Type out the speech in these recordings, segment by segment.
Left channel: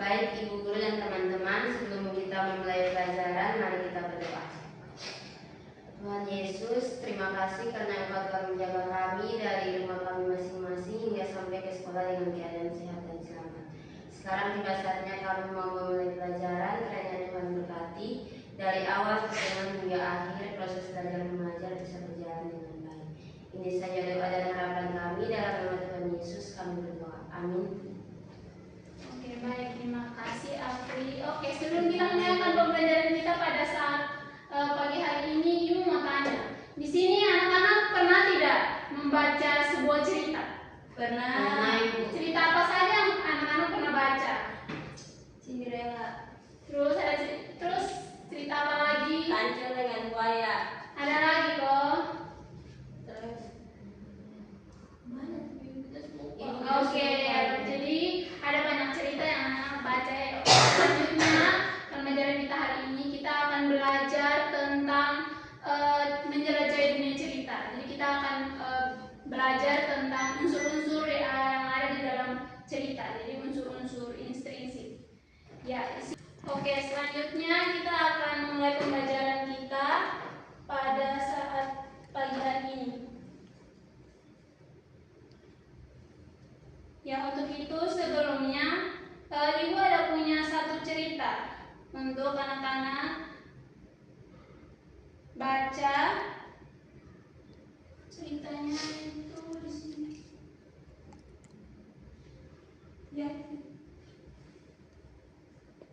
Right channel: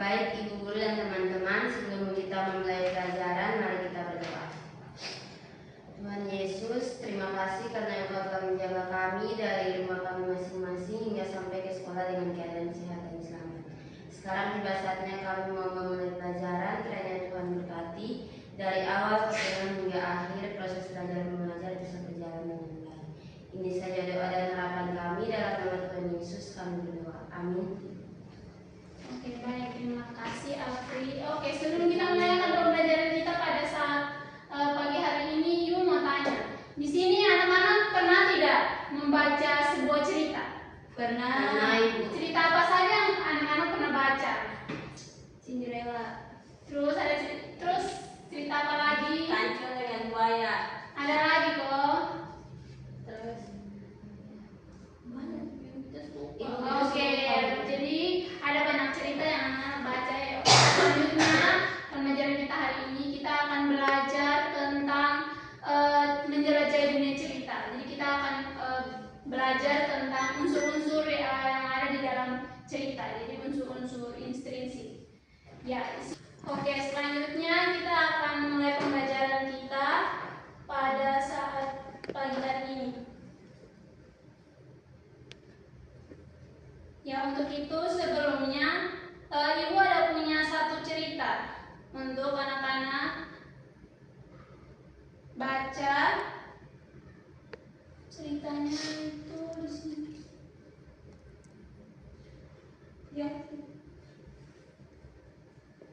Baik Ibu Guru dan teman-teman, sebelum kita memulai pelajaran, mari kita berdoa. Tuhan Yesus, terima kasih karena Engkau telah menjaga kami dari rumah kami masing-masing hingga sampai ke sekolah dengan keadaan sehat dan selamat. Sekarang tiba saatnya kami mau memulai pelajaran, kiranya Tuhan berkati dari awal pertemuan hingga akhir proses belajar mengajar bisa berjalan dengan baik. Ini saja doa dan harapan kami, dalam nama Tuhan Yesus kami berdoa. Amin. Oke, baik, terima kasih Afri. Oke, sebelum kita memulai pembelajaran kita pada saat pagi hari ini, Ibu mau tanya. Di sini anak-anak pernah tidak membaca sebuah cerita? Pernah. Ibu. Cerita apa saja yang anak-anak pernah baca? Cinderella. Terus cerita apa lagi? Kancil dengan buaya. Ada lagi kok. Terus mana? Oke, jadi ada banyak cerita yang anak baca. Selanjutnya pembelajaran kita hari ini kita akan belajar tentang menjelajahi dunia cerita. Jadi kita akan belajar tentang unsur-unsur yang ada di dalam cerita. Jadi unsur-unsur intrinsik. Ya. Oke, selanjutnya kita akan mulai pembelajaran kita pada saat pagi hari ini. Ya, untuk itu sebelumnya Ibu ada punya satu cerita untuk anak-anak baca. Ceritanya itu di sini. Ya.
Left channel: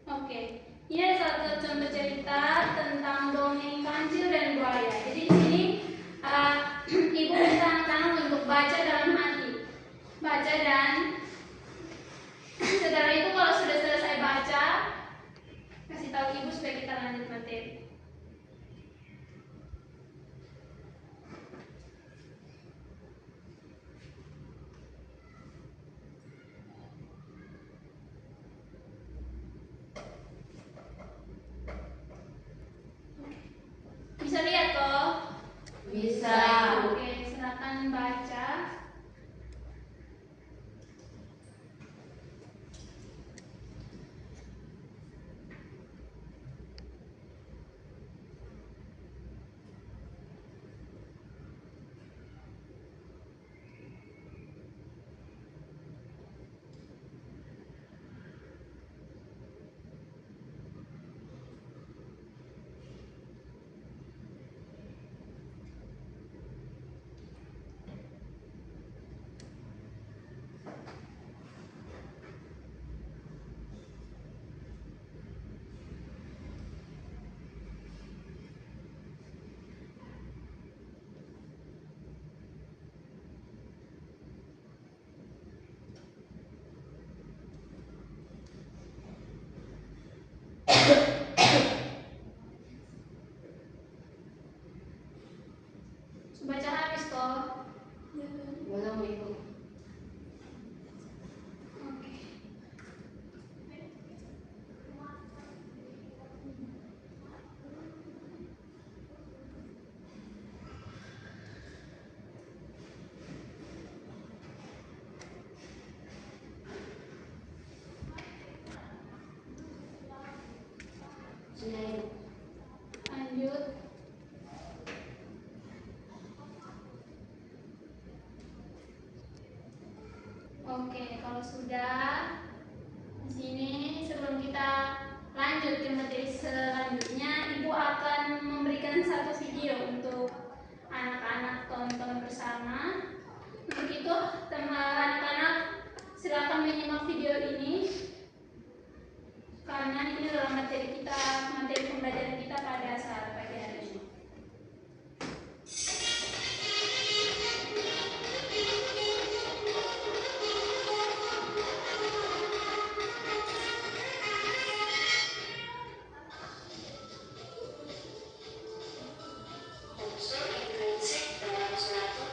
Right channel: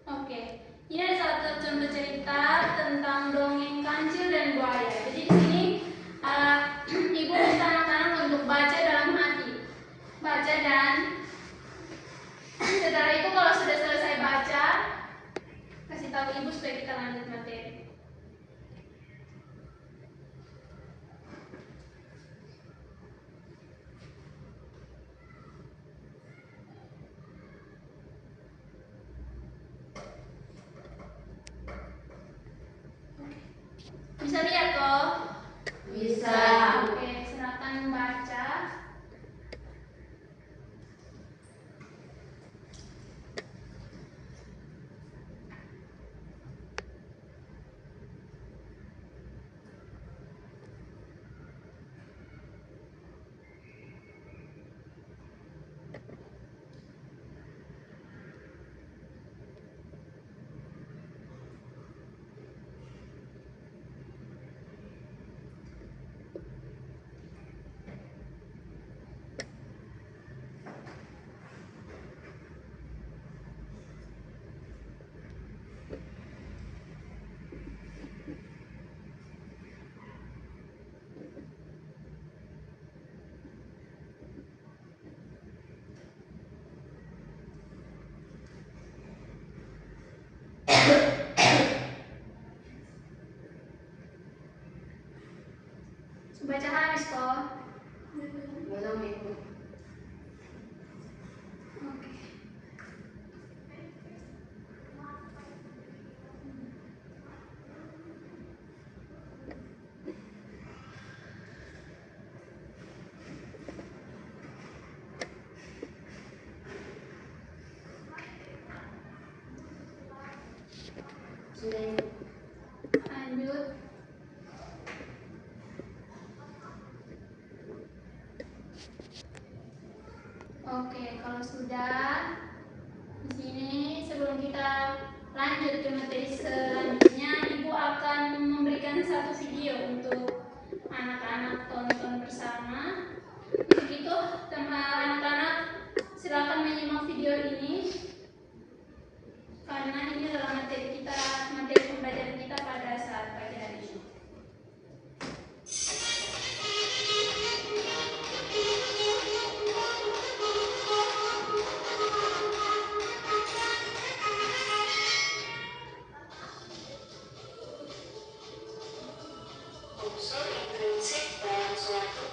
Oke. Ini ada satu contoh cerita tentang dongeng kancil dan buaya. Jadi di sini Ibu minta anak-anak untuk baca dalam hati. Baca, dan setelah itu kalau sudah selesai baca, kasih tahu Ibu supaya kita lanjut materi. Bisa lihat kok? Bisa. Oke, silakan baca. Baca habis kok? Belum Ibu. Oke. Sudah Ibu. Lanjut. Oke, kalau sudah di sini, sebelum kita lanjut ke materi selanjutnya, Ibu akan memberikan satu video untuk anak-anak tonton bersama. Untuk itu, anak-anak silakan menyimak video ini karena ini adalah materi pembelajaran kita pada saat pagi hari ini. Unsur intrinsik dalam suatu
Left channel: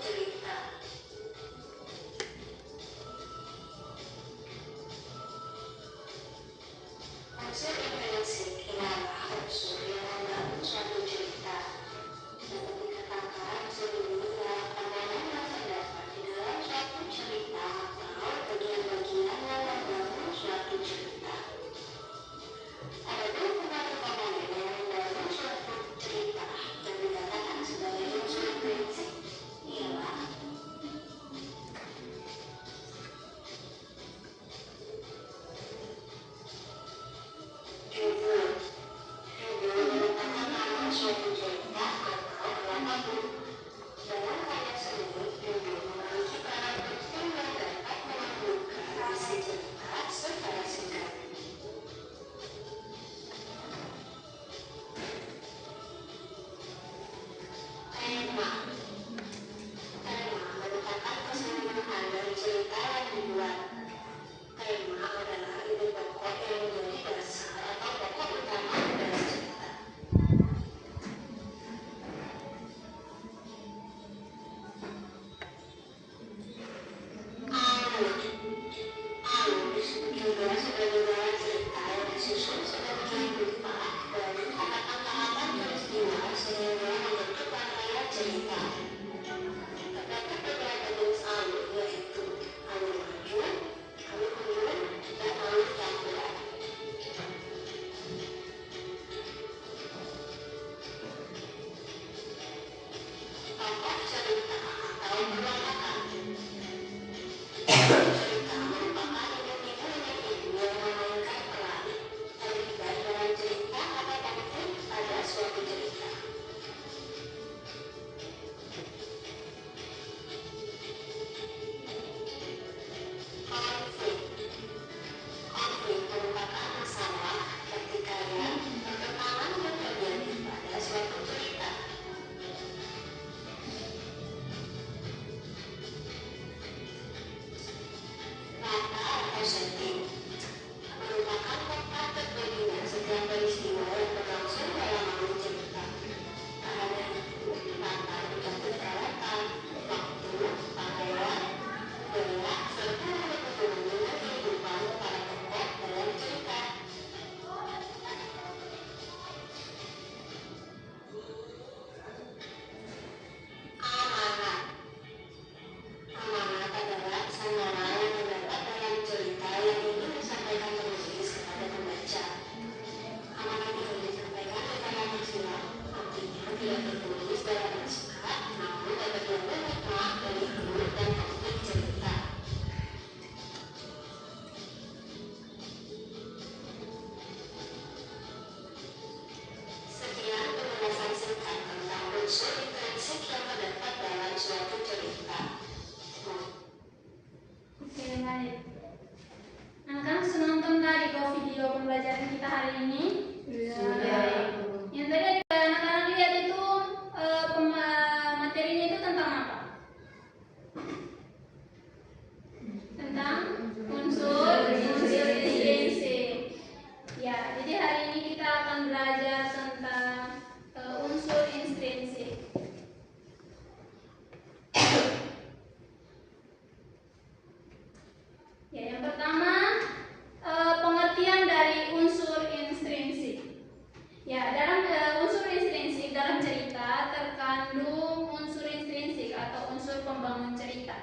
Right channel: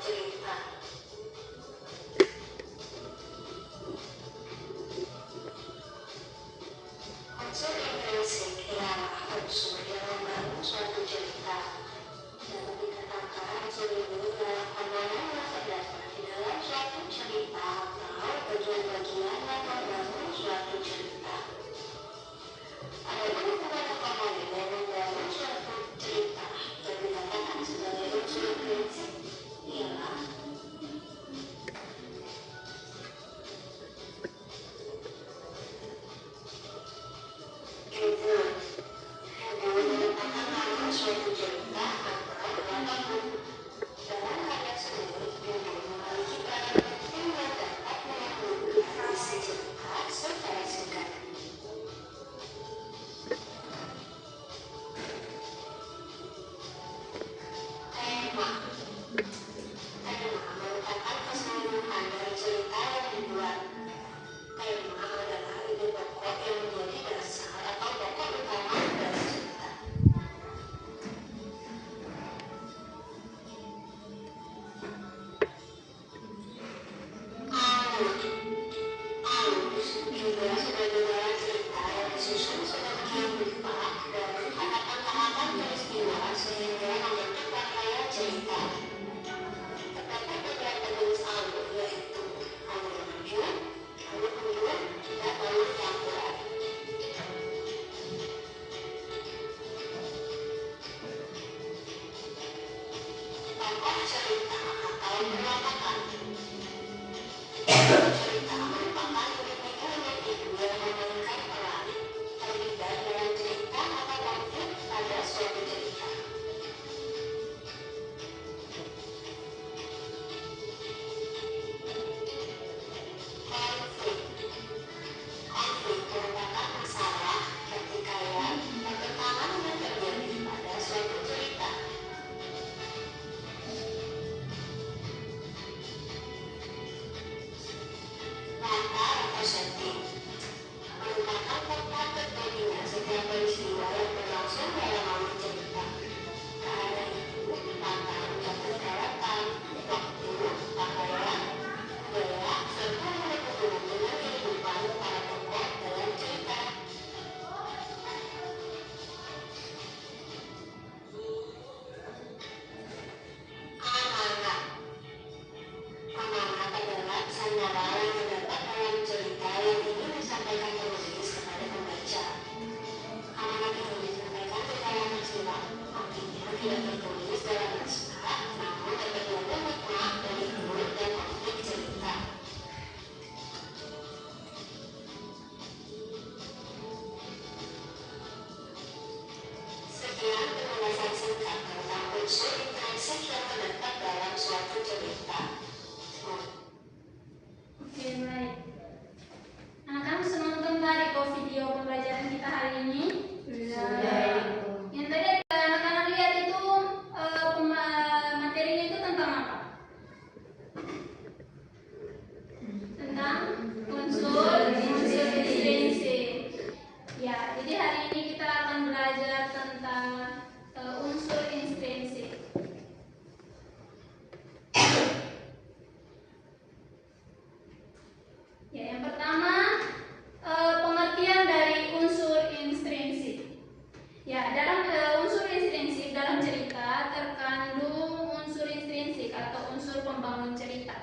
cerita.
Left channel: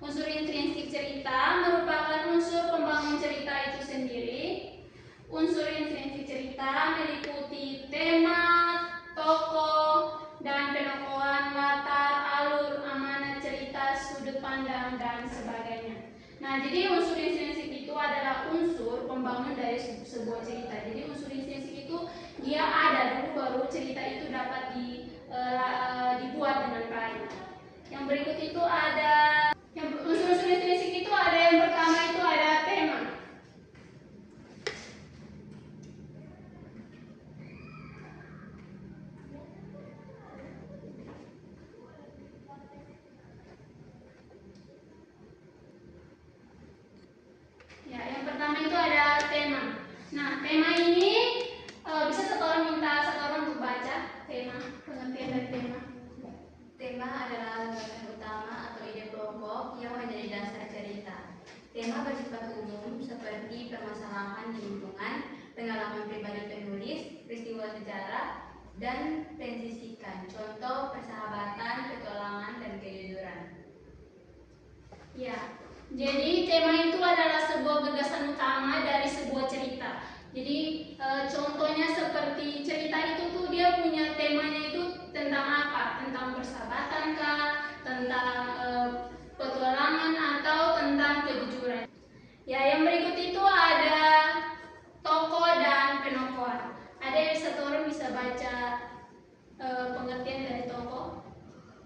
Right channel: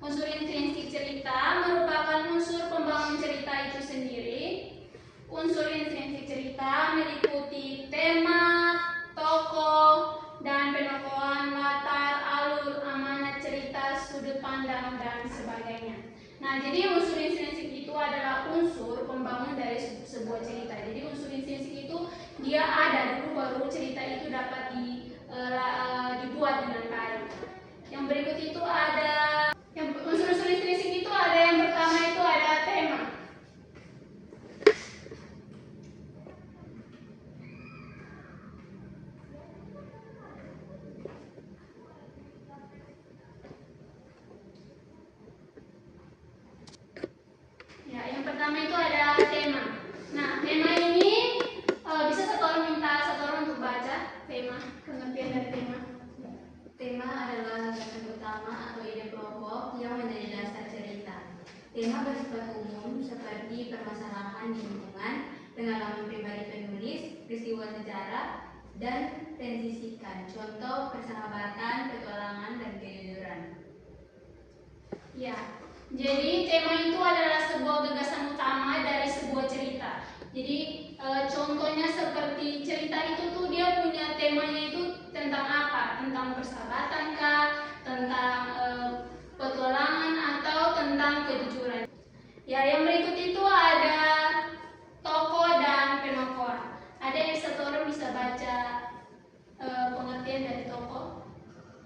Unsur intrinsik cerita merupakan unsur pembangun cerita itu sendiri. Unsur intrinsik cerita meliputi tema, tokoh, dan penokohan, latar, alur, amanat cerita, sudut pandang, dan sebagainya. Nah, jadi unsur intrinsik itu adalah unsur pembangun dari sebuah cerita. Jadi unsur intrinsik itu dia ada dulu baru cerita itu dapat dibuat dengan baik. Yang berikut itu ada unsur-unsur intrinsik itu ada yang pertama itu ada tema. Ya, yang pertama itu ada tema. Nah, tema ini bisa minta satu orang untuk baca tema, pengertian dari tema. Tema adalah landasan utama atau ide pokok yang menjadi dasar cerita. Tema bersifat umum seperti permasalahan di lingkungan, pengalaman pribadi penulis, peristiwa sejarah, dan tensisikan. Contoh persahabatan, petualangan, dan kejujuran. Ya, jadi tema itu adalah sebuah gagasan utama dari sebuah cerita. Jadi contohnya seperti cerita itu tuh dia punya temanya itu tentang apa? Tentang persahabatan kah? Tentang petualangan atau tentang kejujuran. Ya, yang berikut itu ada tokoh dan penokohan. Ada yang satu orang bisa baca pengertian dari tokoh?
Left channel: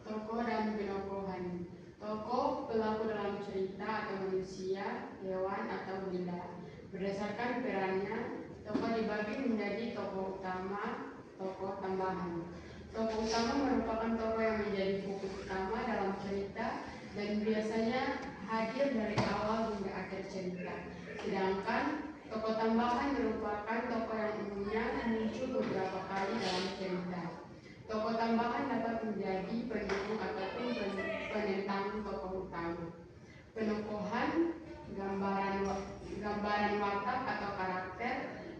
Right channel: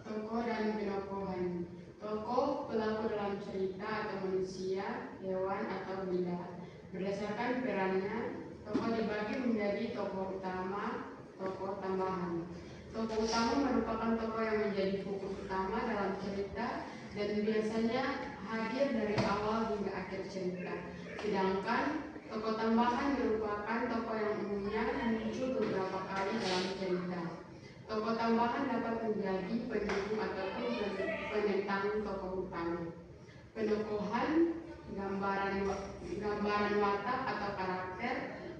Tokoh dan penokohan. Tokoh pelaku dalam cerita atau manusia, hewan, atau benda. Berdasarkan perannya, tokoh dibagi menjadi tokoh utama, tokoh tambahan. Tokoh utama merupakan tokoh yang menjadi fokus utama dalam cerita dan biasanya hadir dari awal hingga akhir cerita. Sedangkan tokoh tambahan merupakan tokoh yang umumnya muncul beberapa kali dalam cerita. Tokoh tambahan dapat menjadi pendukung ataupun penentang tokoh utama. Penokohan, gambaran watak atau karakter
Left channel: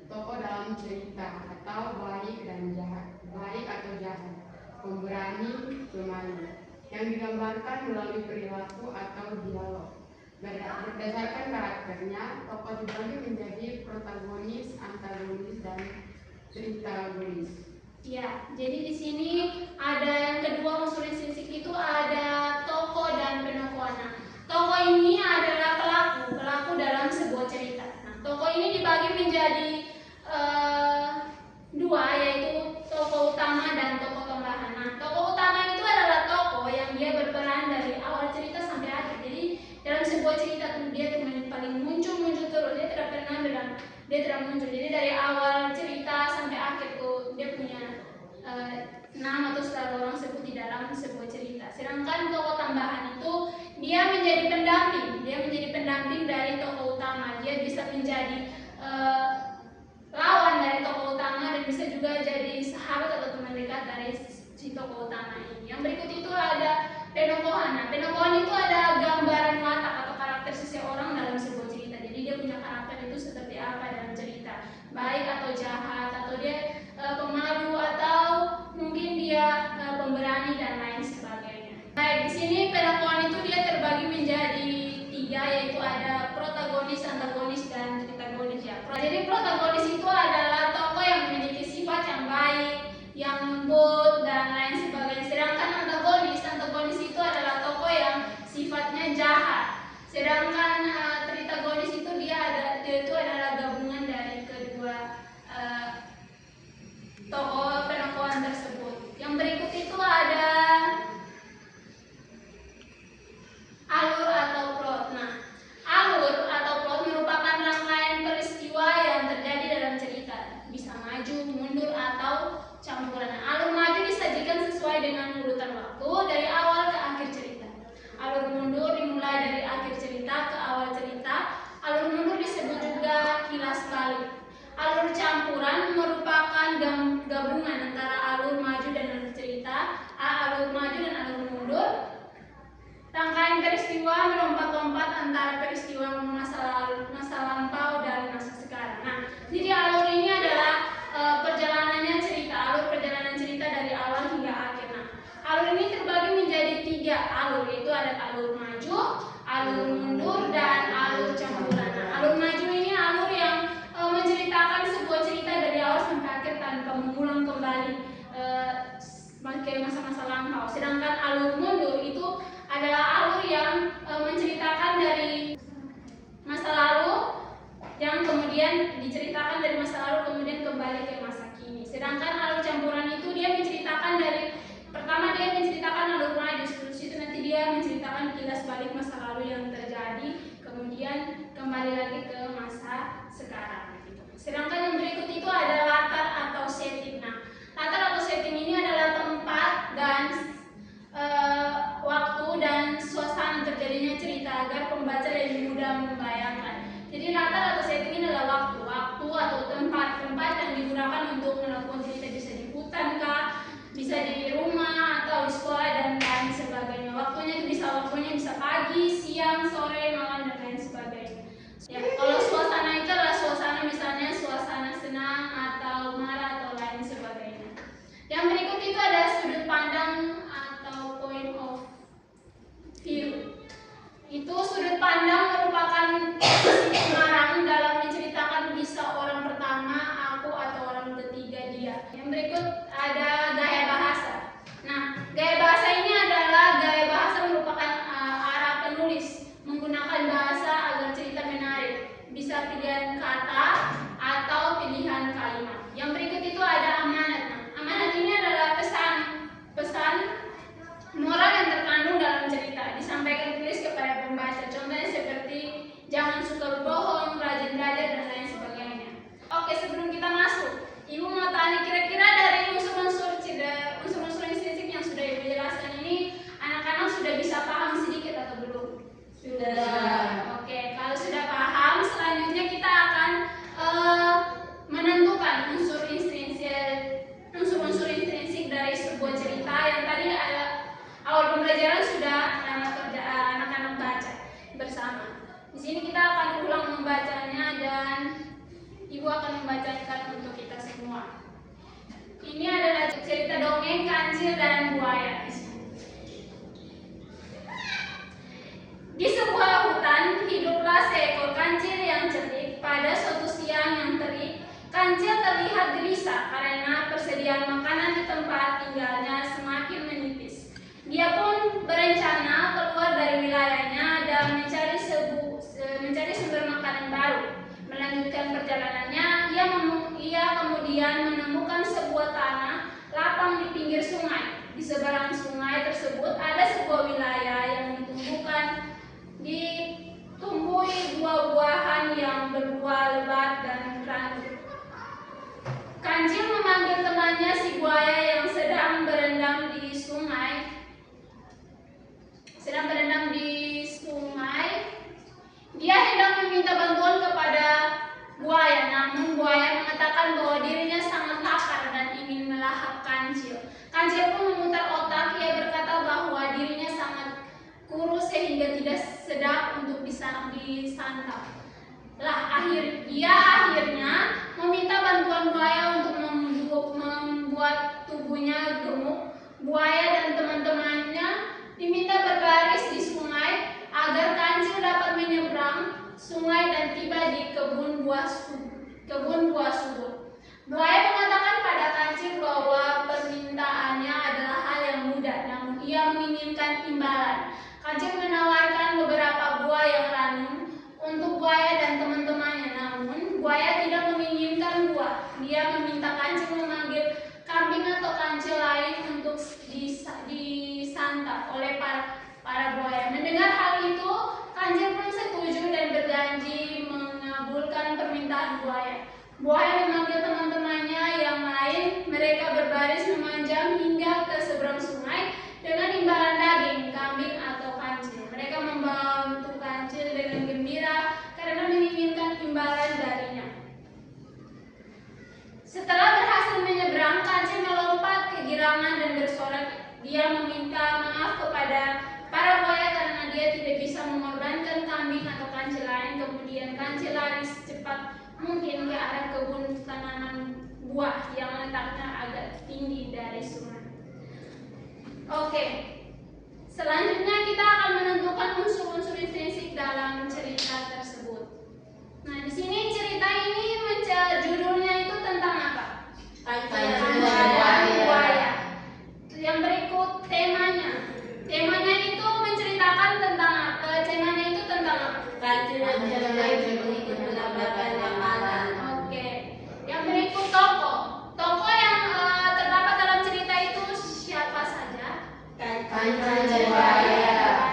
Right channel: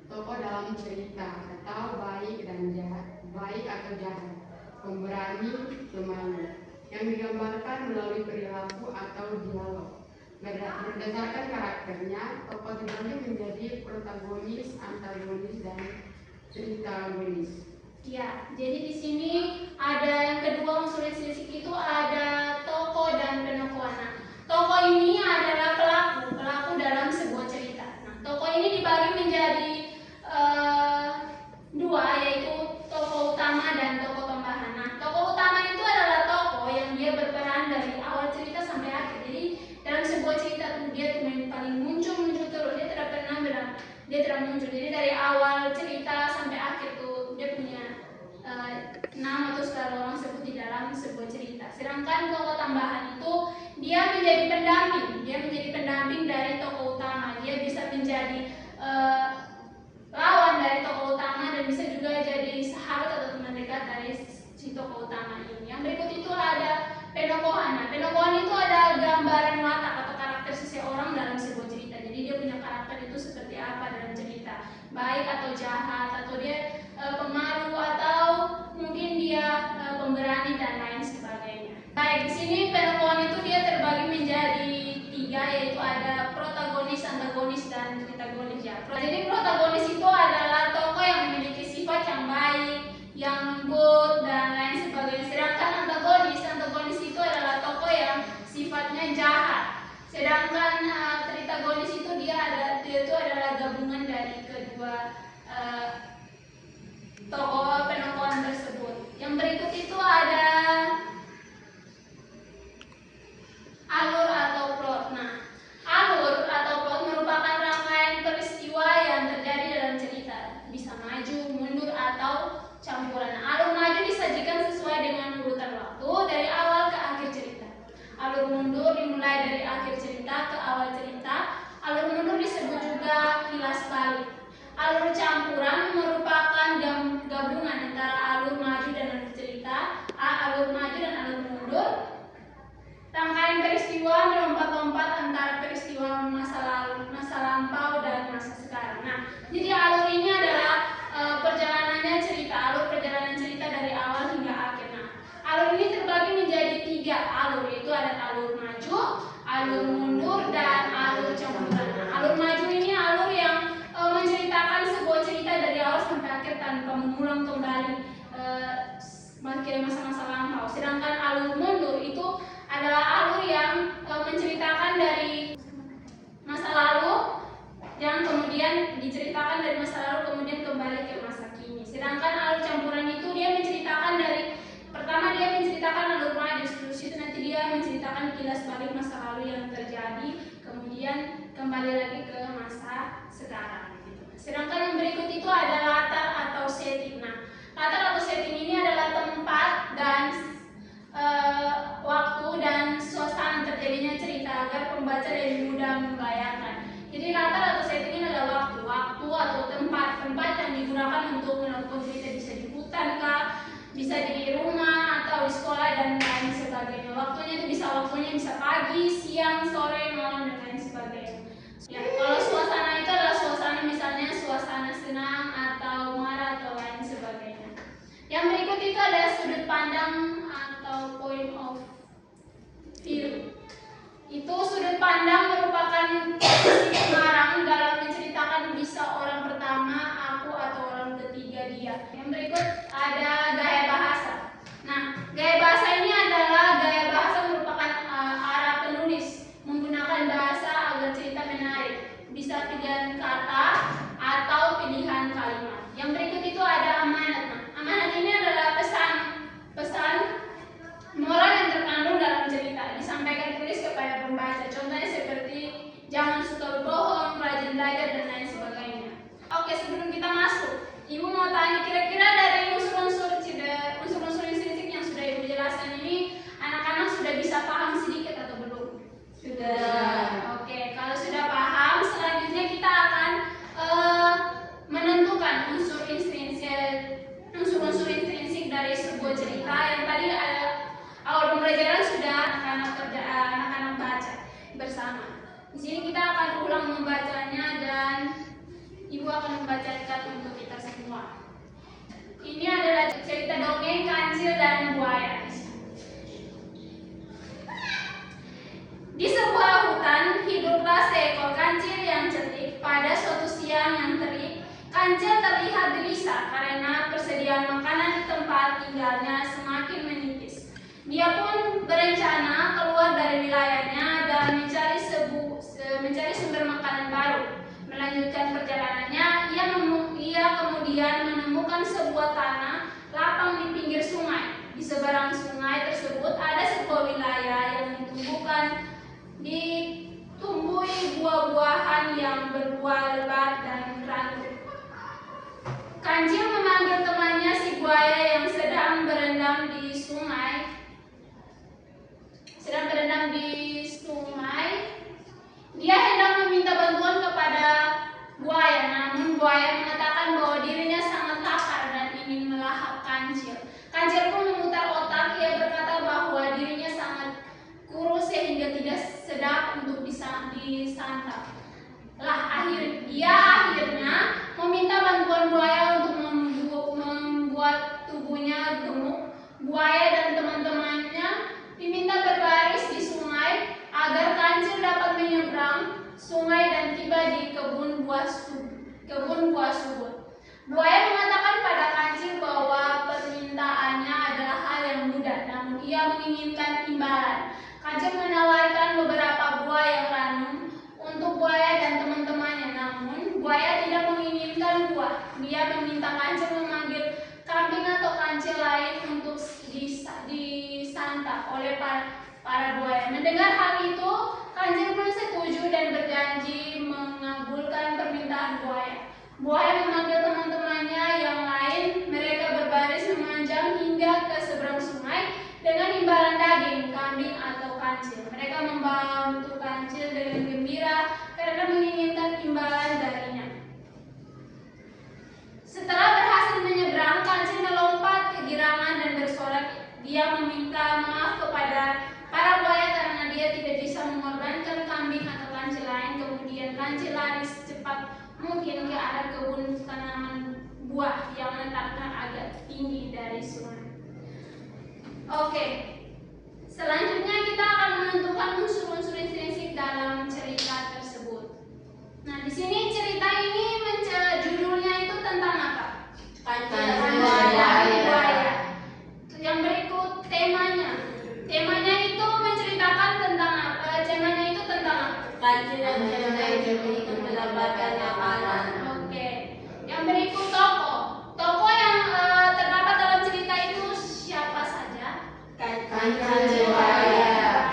tokoh dalam cerita atau baik dan jahat, baik atau jahat, pemberani, pemalu, yang digambarkan melalui perilaku atau dialog. Berdasarkan karakternya, tokoh dibagi menjadi protagonis, antagonis, dan tritagonis. Ya, jadi di sini ada yang kedua unsur intrinsik itu ada tokoh dan penokohan. Nah, tokoh ini adalah pelaku dalam sebuah cerita. Nah, tokoh ini dibagi menjadi dua, yaitu tokoh utama dan tokoh tambahan. Nah, tokoh utama itu adalah tokoh yang dia berperan dari awal cerita sampai akhir. Jadi dalam sebuah cerita tuh dia tuh paling muncul terus, dia tidak muncul. Jadi dari awal cerita sampai akhir tuh dia punya nama atau secara orang sebut di dalam sebuah cerita. Sedangkan tokoh tambahan itu dia menjadi pendamping dari tokoh utama. Dia bisa menjadi lawan dari tokoh utama dan bisa juga jadi sahabat atau teman dekat dari si tokoh utama ini. Yang berikut itu ada penokohan. Nah, penokohan itu ada gambaran watak atau karakter seseorang dalam sebuah cerita. Jadi dia punya karakter itu seperti apa dalam cerita, baik atau jahat, atau dia pemalu, atau mungkin dia pemberani dan lain sebagainya. Baik, di sini penokohan itu dia terbagi menjadi tiga, yaitu ada protagonis, antagonis, dan tritagonis ya. Jadi protagonis itu adalah tokoh yang memiliki sifat yang baik, yang lembut, dan lain sebagainya. Sedangkan antagonis itu adalah tokoh yang sifatnya jahat. Sedangkan tritagonis itu dia itu adalah gabungan dari kedua tokoh penokohan tersebut. Yang berikut itu ada alur atau plot. Nah, alur atau plot merupakan rangkaian peristiwa yang terjadi dalam cerita. Bisa maju, mundur, atau campuran. Alur maju disajikan sesuai dengan urutan waktu dari awal ke akhir cerita. Alur mundur dimulai dari akhir cerita ke awal cerita. Alur mundur disebut juga kilas balik. Alur campuran merupakan gabungan antara alur maju dan alur cerita, alur maju dan alur mundur. Rangkaian peristiwa melompat-lompat antara peristiwa masa lalu, masa lampau, dan masa sekarang. Nah, jadi alur ini adalah alur perjalanan cerita dari awal hingga akhir. Nah, alur ini terbagi menjadi tiga alur, yaitu ada alur alur mundur, dan alur campuran. Nah, alur maju ini alur yang menceritakan sebuah cerita dari awal sampai akhir tanpa mengulang kembali ke masa-masa lampau. Sedangkan alur mundur itu adalah alur yang menceritakan dari masa lalu yang kemudian diceritakan dari masa lalu kemudian kembali ke masa kini. Sedangkan alur campuran itu dia menceritakan dari pertama dia menceritakan alur maju, terus itu nanti dia menceritakan kilas balik masa lalu yang terjadi, kemudian kembali lagi ke masa sekarang. Gitu. Sedangkan yang berikut itu ada latar atau setting. Nah, latar atau setting ini adalah tempat dan waktu dan suasana terjadinya cerita agar pembaca lebih mudah membayangkan. Jadi latar atau setting ini adalah waktu atau tempat yang digunakan untuk melakukan cerita, bisa di hutan kah, bisa di rumah atau di sekolah dan lain sebagainya. Waktunya bisa pagi, siang, sore, malam dan lain sebagainya. Ya, kalau suasana itu adalah suasana misalnya suasana senang atau marah atau lain sebagainya. Yang berikut itu ada sudut pandang atau point of view. Itu sudut pandang merupakan pengarang dalam menceritakan bisa orang pertama, aku, atau orang ketiga dia. Yang berikut ada gaya bahasa. Nah, gaya bahasa ini adalah gaya bahasa merupakan arah penulis menggunakan bahasa agar cerita menarik. Bisa pilihan kata atau pilihan kalimat. Yang berikut itu ada amanat. Nah, amanat ini adalah pesan moral yang terkandung dalam cerita disampaikan tulis kepada pembaca. Contohnya seperti jangan suka berbohong, rajin belajar dan lain sebagainya. Oke, sebelum kita masuk, Ibu mau tanya kira-kira dari unsur-unsur intrinsik yang sudah Ibu jelaskan ini anak-anak sudah bisa paham sedikit atau belum? Sudah. Oke, kalau sudah paham, selanjutnya kita akan menentukan unsur intrinsik dari sebuah cerita yang tadi ada awal pembelajaran sudah anak-anak baca bersama. Di sini kita akan ulang membacanya dan Ibu akan membacakan untuk kita semua. Ini adalah cerita dongeng Kancil dan Buaya. Di sebuah hutan hiduplah seekor kancil yang cerdik. Pada suatu siang yang terik, kancil terlihat gelisah karena persediaan makanan di tempat tinggalnya semakin menipis. Dia pun berencana keluar dari wilayahnya dan mencari sumber makanan baru. Melanjutkan perjalanannya, ia kemudian menemukan sebuah tanah lapang di pinggir sungai. Di seberang sungai tersebut ada sebuah wilayah yang ditumbuhi buah-buahan yang berbuah lebat dan ranum. Kancil memanggil temannya si buaya yang sedang berendam di sungai. Dia hendak meminta bantuan kepada buaya, namun buaya mengatakan bahwa dirinya sangat lapar dan ingin melahap Kancil. Kancil pun memutar otak, ia berkata bahwa dirinya sangat kurus sehingga tidak sedap untuk disantap. Dia akhirnya meminta bantuan buaya untuk membuat tubuhnya gemuk. Buaya dan teman-temannya diminta berbaris di sungai agar Kancil dapat menyeberang sungai dan tiba di kebun buah subur. Buaya mengatakan pada Kancil bahwa permintaannya adalah hal yang mudah, namun ia menginginkan imbalan. Kancil menawarkan beberapa buah yang ranum untuk buaya dan teman-temannya, namun buaya tidak menginginkan buah. Dia meminta Kancil memanggil kambing atau kancil lain untuk disantap oleh para buaya. Mendengar hal itu, Kancil pun setuju dan berjanji mengabulkan permintaan buaya. Buaya memanggil teman-temannya yang lain. Mereka berbaris memanjang hingga ke seberang sungai dengan imbalan daging, kambing atau kancil. Mereka membantu Kancil dengan gembira karena menginginkan imbalan darinya. Setelah berhasil menyeberang, Kancil melompat kegirangan dan bersorak. Dia meminta maaf kepada para buaya karena dia tidak bisa mengorbankan kambing atau kancil lain. Kemudian Kancil lari secepat mungkin ke arah kebun tanaman buah yang letaknya agak tinggi dari sungai. Oke, selanjutnya kita akan menentukan unsur-unsur intrinsik kancil yang terbaik untuk mendapatkan makanan. Oke. Yang berikut tokoh. Tokoh yang terdapat dalam cerita itu siapa saja? Kancil Buaya.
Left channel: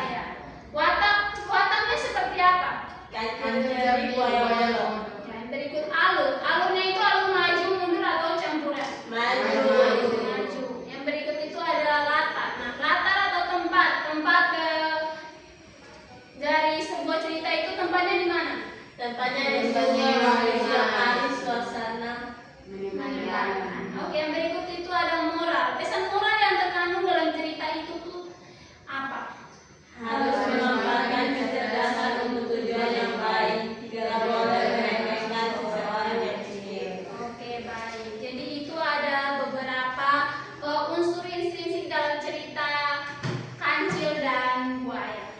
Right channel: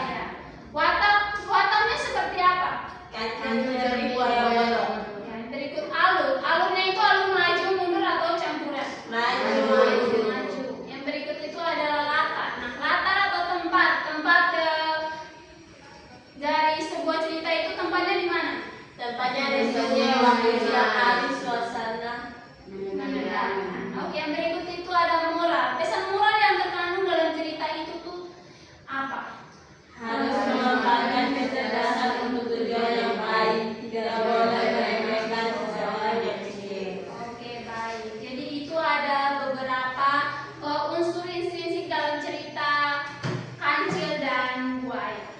Wataknya seperti apa? kancil dari buaya bolong. Ya, yang berikut alur. Alurnya itu alur maju, mundur atau campuran? Maju. Maju. Yang berikut itu adalah latar. Nah, latar atau tempat. Tempat dari sebuah cerita itu tempatnya di mana? Tempatnya di sebuah waktu siang hari suasana Menyenangkan. Oke, yang berikut itu ada moral. Pesan moral yang terkandung dalam cerita itu tuh apa? harus memanfaatkan kecerdasan untuk tujuan yang baik. Tidak boleh meremehkan seseorang yang kecil. Oke, baik. Jadi itu ada beberapa unsur intrinsik dalam cerita Kancil dan Buaya.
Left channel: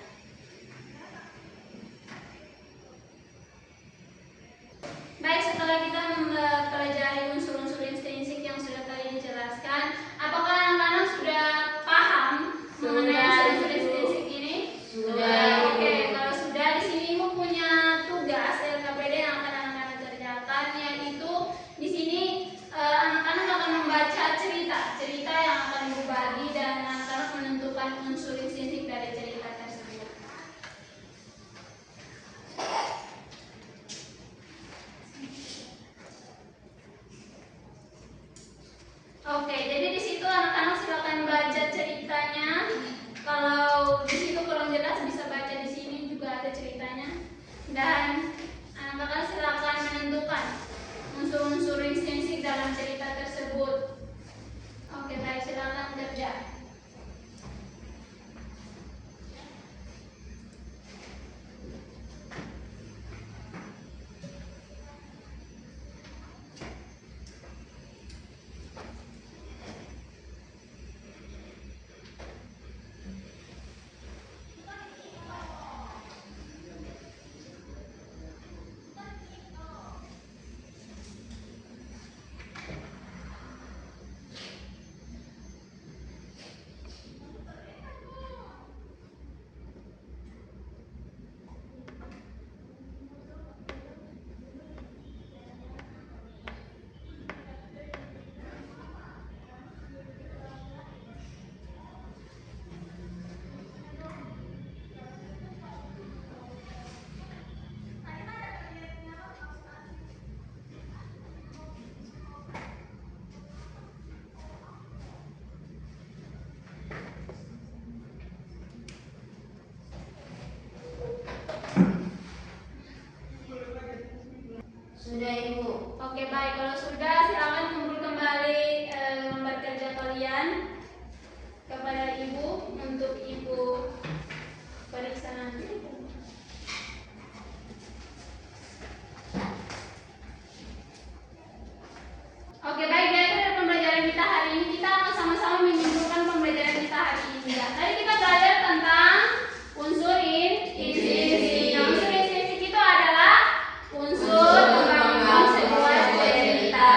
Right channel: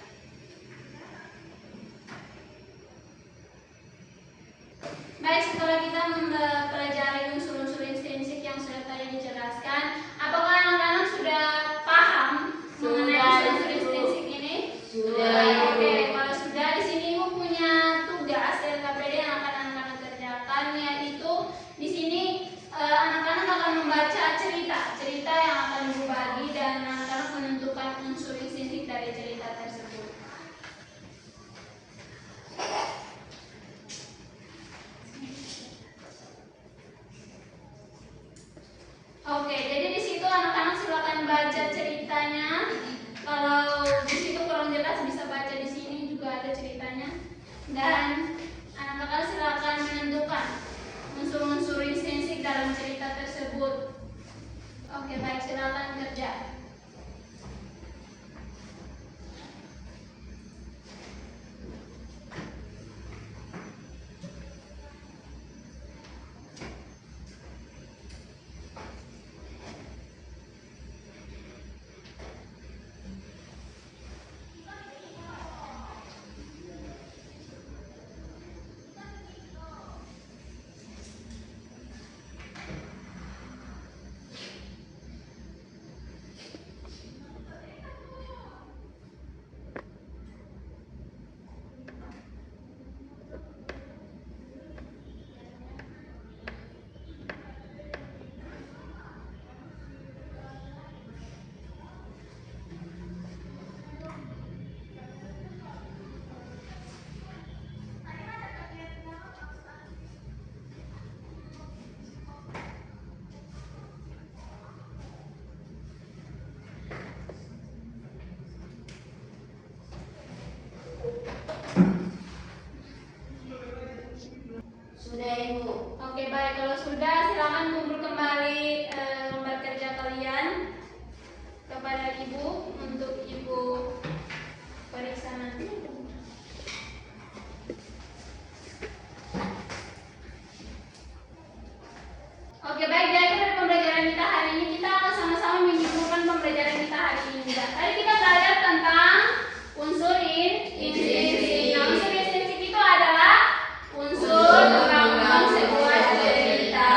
Baik, setelah kita mempelajari unsur-unsur intrinsik yang sudah tadi dijelaskan, apakah anak-anak sudah paham mengenai unsur intrinsik ini? Sudah. Oke, kalau sudah, di sini Ibu punya tugas LKPD yang akan anak-anak kerjakan, yaitu di sini anak-anak akan membaca cerita yang akan Ibu bagi dan anak-anak menentukan unsur intrinsik dari cerita tersebut. Oke, jadi di situ anak-anak silakan baca ceritanya. Kalau di situ kurang jelas bisa baca di sini juga ada ceritanya. Dan anak-anak silakan menentukan unsur-unsur intrinsik dalam cerita tersebut. Oke, baik, silakan kerja. Sudah Ibu. Oke, baik, kalau sudah silakan kumpul kembali lembar kerja kalian kepada Ibu untuk Ibu periksa nanti. Oke, baik, dari pembelajaran kita hari ini kita akan sama-sama menyimpulkan pembelajaran kita hari ini. Ya, tadi kita belajar tentang unsur intrinsik. Nah, unsur intrinsik itu adalah unsur pengalaman sebuah cerita.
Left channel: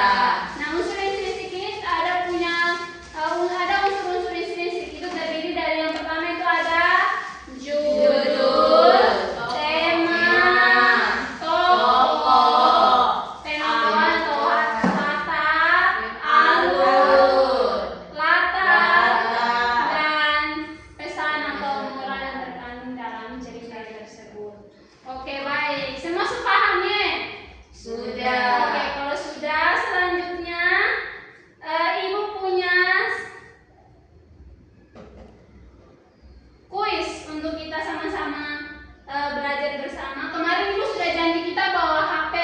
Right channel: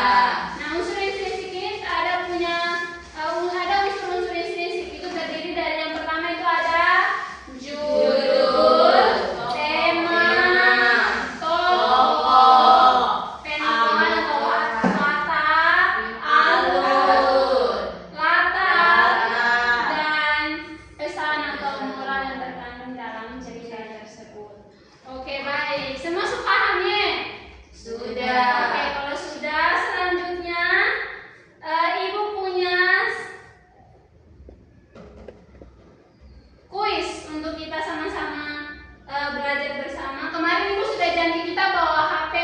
Nah, unsur intrinsik ini ada unsur-unsur intrinsik itu terdiri dari yang pertama itu ada judul, tema, tokoh, penokohan atau latar, alur, latar, dan pesan atau moral yang terkandung dalam cerita tersebut. Oke, baik. Semua sepahamnya? Sudah. Oke, kalau sudah, selanjutnya Ibu punya kuis untuk kita sama-sama belajar bersama. Kemarin Ibu sudah janji kita bawa HP.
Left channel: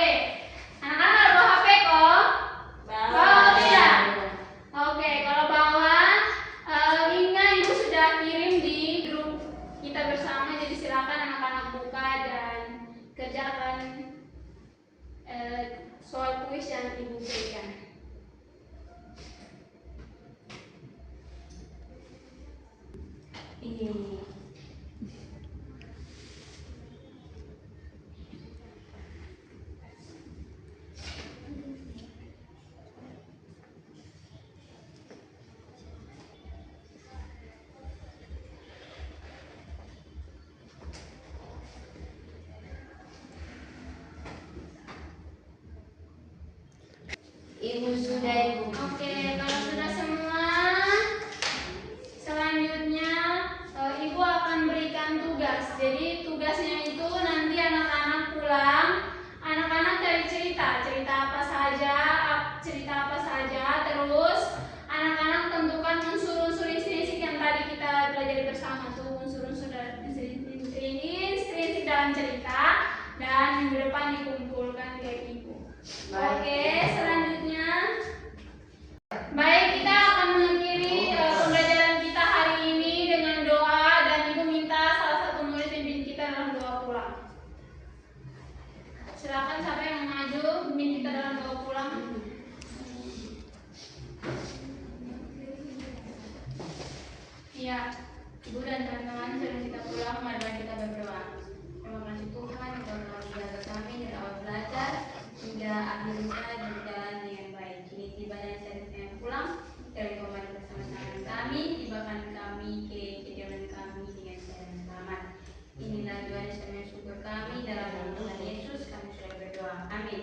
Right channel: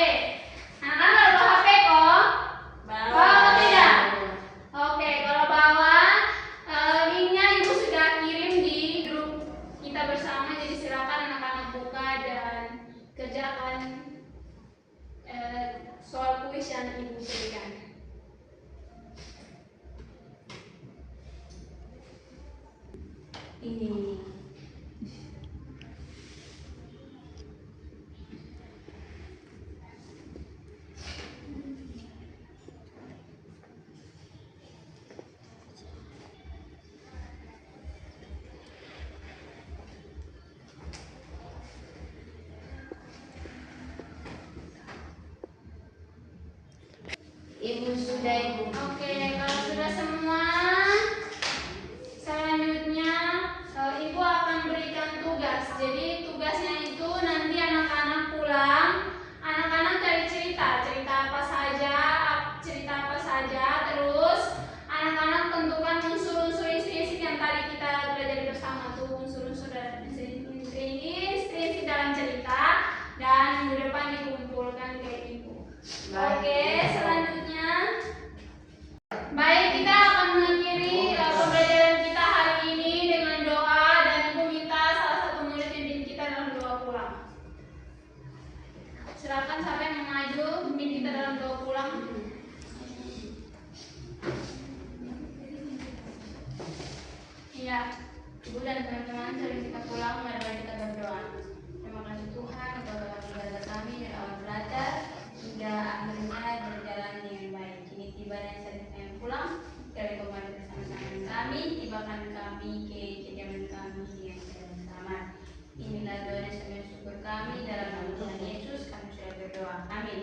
Anak-anak nggak bawa HP kok? Bawa atau tidak? Oke, kalau bawa, linknya Ibu sudah kirim di grup kita bersama. Jadi silakan anak-anak buka dan kerjakan soal kuis yang Ibu berikan. Ini. Ibu sudah, Ibu. Oke, kalau sudah semua, selanjutnya Ibu akan berikan tugas. Jadi tugasnya itu nanti anak-anak pulang, anak-anak cari cerita apa saja, terus anak-anak tentukan unsur-unsur isi yang tadi kita belajar bersama tuh, unsur-unsur inspirasi dalam cerita, dan minggu depan dikumpulkan ke Ibu. Oke, selanjutnya. Baik, kita akan mengakhiri pembelajaran kita hari ini dengan doa, dan Ibu minta salah satu murid pimpin kita dalam doa pulang. Silakan siapa yang mau maju pimpin kita dalam doa pulang. Iya, Ibu dan teman-teman, sebelum kita pulang, mari kita berdoa. Terima kasih Tuhan atas belajar kami dari awal belajar hingga akhirnya berjalan dengan baik. Kini tiba dan saatnya kami pulang, dari kembali bersama-sama kami, tibakan kami ke kediaman kami dengan sehat dan selamat. Inilah doa dan semua syukur kami dalam nama Tuhan Yesus, kami sudah berdoa. Amin.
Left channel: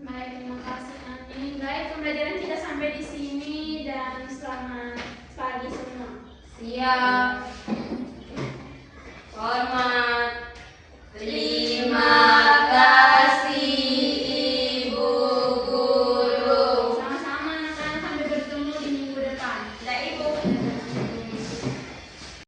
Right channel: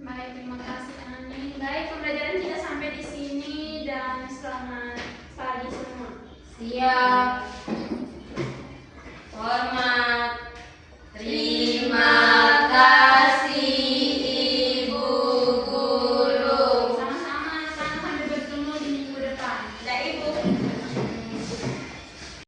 Baik, terima kasih. Amin. Baik, pembelajaran kita sampai di sini dan selamat pagi semua. Siap.